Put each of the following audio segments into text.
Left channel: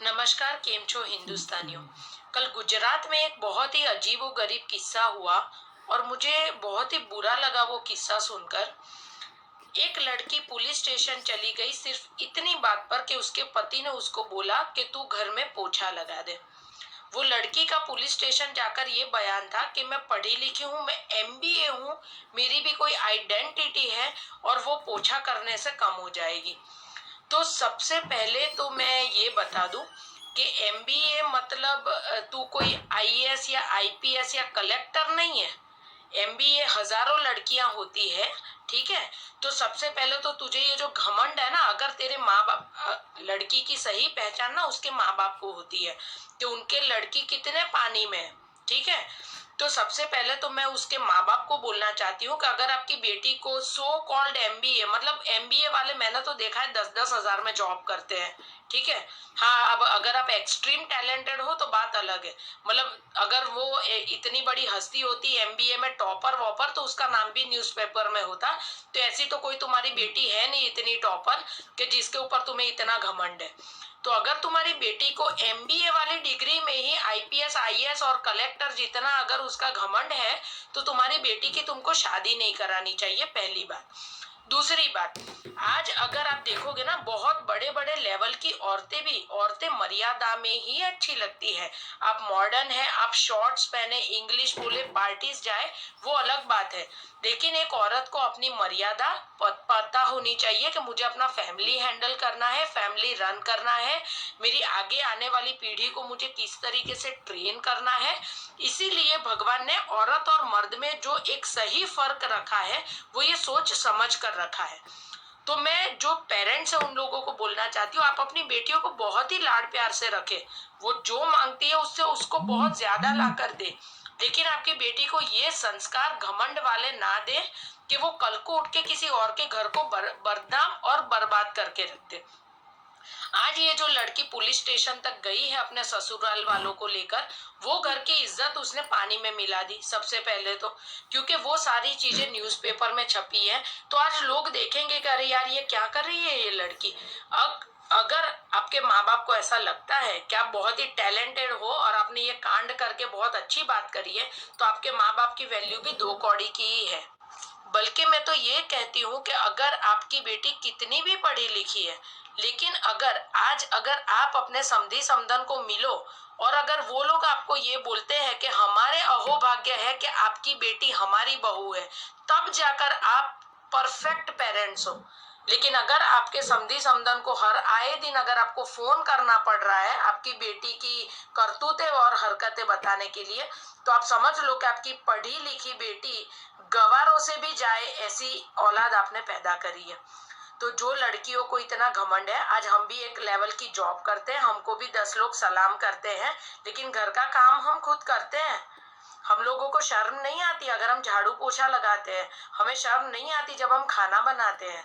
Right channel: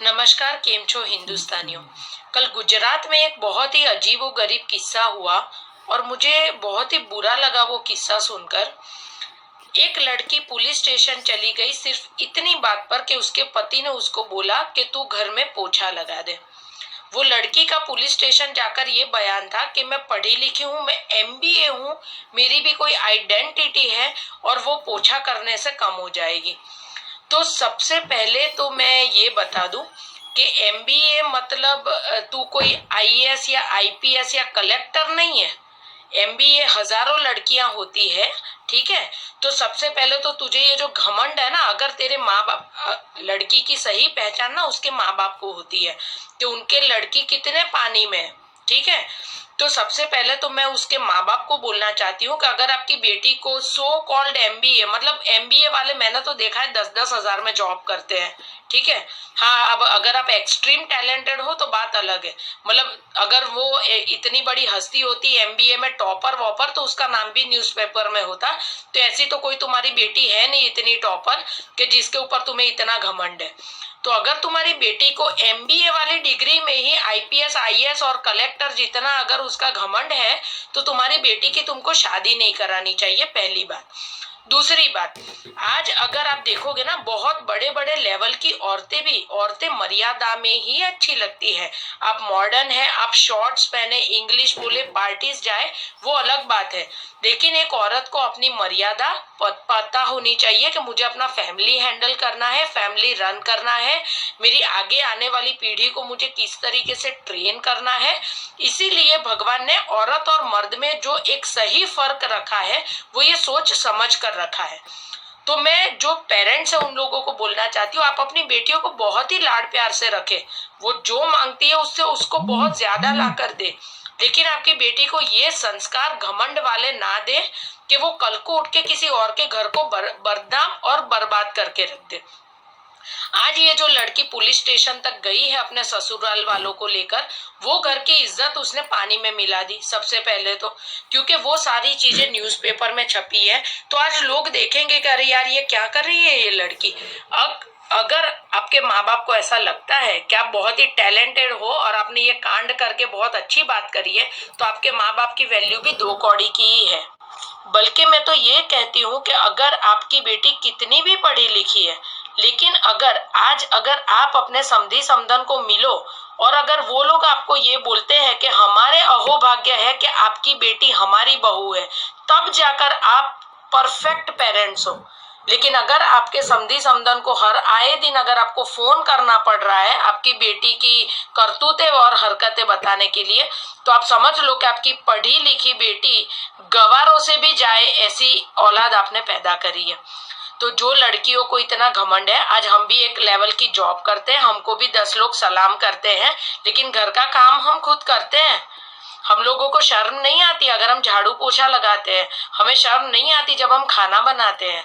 नमस्कार, केम छो हिंदुस्तानियों। कल गुजरात में एक बहुत ही अजीबोगरीब किस्सा हुआ और मुझे बहुत ही बुरा लगा वो किस्सा सुनकर। एक लड़की पुलिस स्टेशन चली गई सिर्फ इतनी बात पर कि उसके पति ने उसको बोला कि तू घर में पोछा लगा दे। वो लड़की का पुलिस स्टेशन जाकर ये बयान था कि मैं पढ़ी लिखी हूँ, मैं एमबीए हूँ, मेरी भी कोई आइडेंटिटी है और वो पोछा करने से कम हो जाएगी। तो सबसे पहले तो मैं ये बता दूं कि एमबीए मतलब तू कोई आईएएस या आईपीएस या कलेक्टर नहीं है। एमबीए हजारों लड़कियां होती है, ठीक है। तो सबसे पहले तो तुझे ये जो घमंड है ना, अगर तेरे माँ बाप, लड़की की सही पहचान ना उसके माँ बाप को होती है कि उनके लड़की कितने पानी में है, ठीक है। तो सबसे पहले तो मैं उसके माँ बाप को बोलना चाहती हूँ कि अगर आपकी बेटी को सो कॉल्ड एमबीए, मतलब एमबीए वाले मैंने तो देखा है 10-10 हजार में जॉब करते हैं, ठीक है। हाँ, अब अगर आप एक्सट्रीम टैलेंटेड हो तो बात अलग है। मतलब अगर वो इतनी बड़ी हस्ती होती एमबीए में टॉपर वॉपर तो उसका नाम भी न्यूज़पेपर में होता। तो ऐसी तो कोई तुम्हारी बेटी है नहीं इतनी टॉपर कि जिसके ऊपर तुम्हें इतना घमंड है। तो अगर तुम्हारी बेटी को एमबीए वाली डिग्री में ही आईपीएस आईएएस और कलेक्टर जितना अगर उसका घमंड है तो तुम्हारी बेटी की तुमको शादी नहीं करानी चाहिए, पहली बात। दूसरी बात, आज अगर आप देखोगे ना बहुत बड़े बड़े लेवल की औरतें मर्यादा में ही अच्छी लगती है। आप मॉडर्न है, आप शॉर्ट्स पहने, इंग्लिश बोले, पार्टीज जाए, वो अलग बात है। लेकिन एक औरत को अपनी मर्यादा पता होनी चाहिए कि मुझे अपना फैमिली हैंडल करना है, फैमिली रन करना है, मेरी आगे आने वाली पीढ़ी को मुझे किस तरीके से ट्रेन करना है। इसीलिए भगवान ने औरत और मर्द में जो एक सही फर्क रखा है वो ये सोच समझ कर रखा है। तो मैं जो पेरेंट्स है उन लोगों को बोलना चाहती हूँ, आप अपनी बेटियों को बहुत ही लाड प्यार से रखें। वो जो मांगती है उससे उसको बहुत ज्यादा ला कर दे, लेकिन आपकी बेटी को ये संस्कार घमंड वाले ना दे कि वो कल को उठ के किसी और के घर को बदनाम और बर्बाद करके रख दे। आज ये जो लड़की पुलिस स्टेशन तक गई है अपने ससुराल वालों को लेकर, वो घर की इज्जत उसने पानी में मिला दी सबसे पहले तो, क्योंकि वो सारी चीजें न्यूज़पेपर में छपी है। तो आज लोग देखेंगे कि अरे यार ये क्या कर रही है ये लड़की। अब अगर आपके माँ बाप को ऐसा लगता है कि आप बहुत ही टैलेंटेड हो और आपने ये कांड करके बहुत अच्छी बात करी है, तो आपके माँ बाप की वैल्यू भी 2 कौड़ी की ही है। बल्कि मैं तो ये कहती हूँ कि अगर आपकी बेटी कितनी भी पढ़ी लिखी है, लेकिन अगर आप अपने समधी समधन को मिलो और अगर वो लोग आपको ये बोलते हैं कि हमारे अहोभाग्य है कि आपकी बेटी हमारी बहू है, तब जाकर आप परफेक्ट पेरेंट्स हो। लेकिन अगर आपके समधी समधन को हर आए दिन अगर आपको फोन करना पड़ रहा है आपकी बेटी की करतूतें और हरकतें बताने के लिए, तो आप समझ लो कि आपकी पढ़ी लिखी बेटी गवारों से भी जाए ऐसी औलाद आपने पैदा करी है। तो जो लड़कियों को इतना घमंड है, आज हम भी एक लेवल की जॉब करते हैं, हमको भी 10 लोग सलाम करते हैं, लेकिन घर का काम हम खुद करते हैं। हम लोगों को शर्म नहीं आती अगर हम झाड़ू पोछा लगाते हैं, हमें शर्म नहीं आती जब हम खाना बनाते हैं।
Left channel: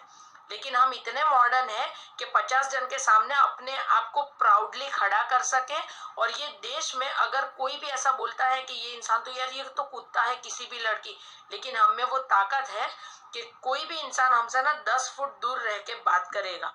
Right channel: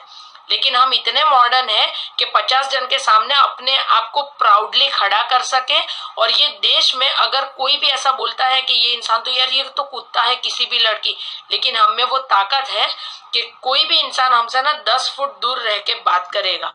लेकिन हम इतने मॉडर्न हैं कि 50 जन के सामने अपने आप को प्राउडली खड़ा कर सके। और ये देश में अगर कोई भी ऐसा बोलता है कि ये इंसान तो यार ये तो कुत्ता है, किसी भी लड़की, लेकिन हम में वो ताकत है कि कोई भी इंसान हमसे ना 10 फुट दूर रह के बात करेगा।